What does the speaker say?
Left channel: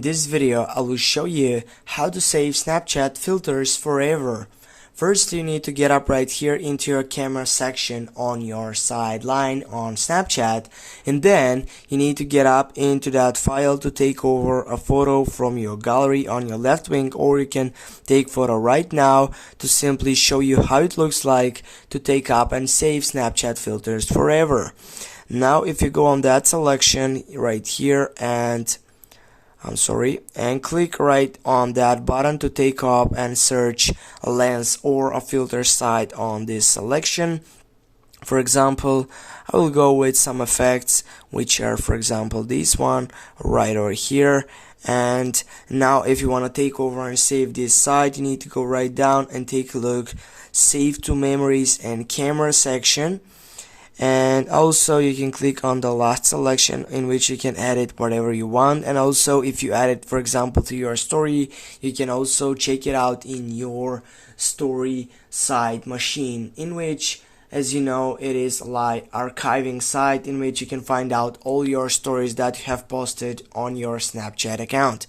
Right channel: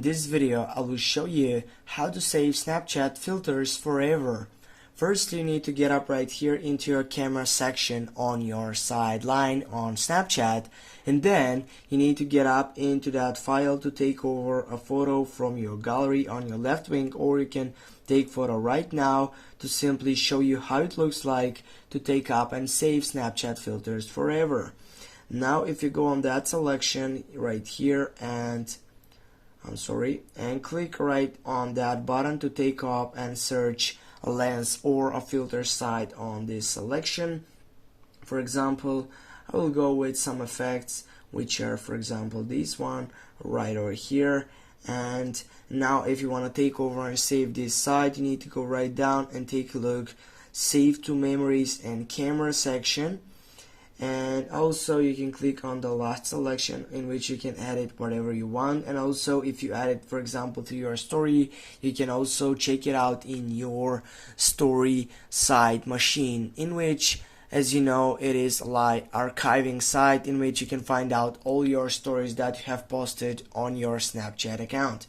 In this video, I will show you how to save Snapchat filters forever. First, you need to get up right here into your camera section on your sideline on Snapchat, and then you need to get up into that file to take over a photo from your gallery on your left wing, or you can take photo right now to simply show you how it looks like to take up and save Snapchat filters forever. Now if you go on that selection right here and click right on that button to take up and search a lens or a filter site on this selection. For example, I will go with some effects, which are, for example, this one right over here. And now if you want to take over and save this site, you need to go right down and take a look, save to memories and camera section. And also you can click on the last selection, in which you can edit whatever you want. And also if you add it, for example, to your story, you can also check it out in your story site machine, in which, as you know, it is like archiving site in which you can find out all your stories that you have posted on your Snapchat account.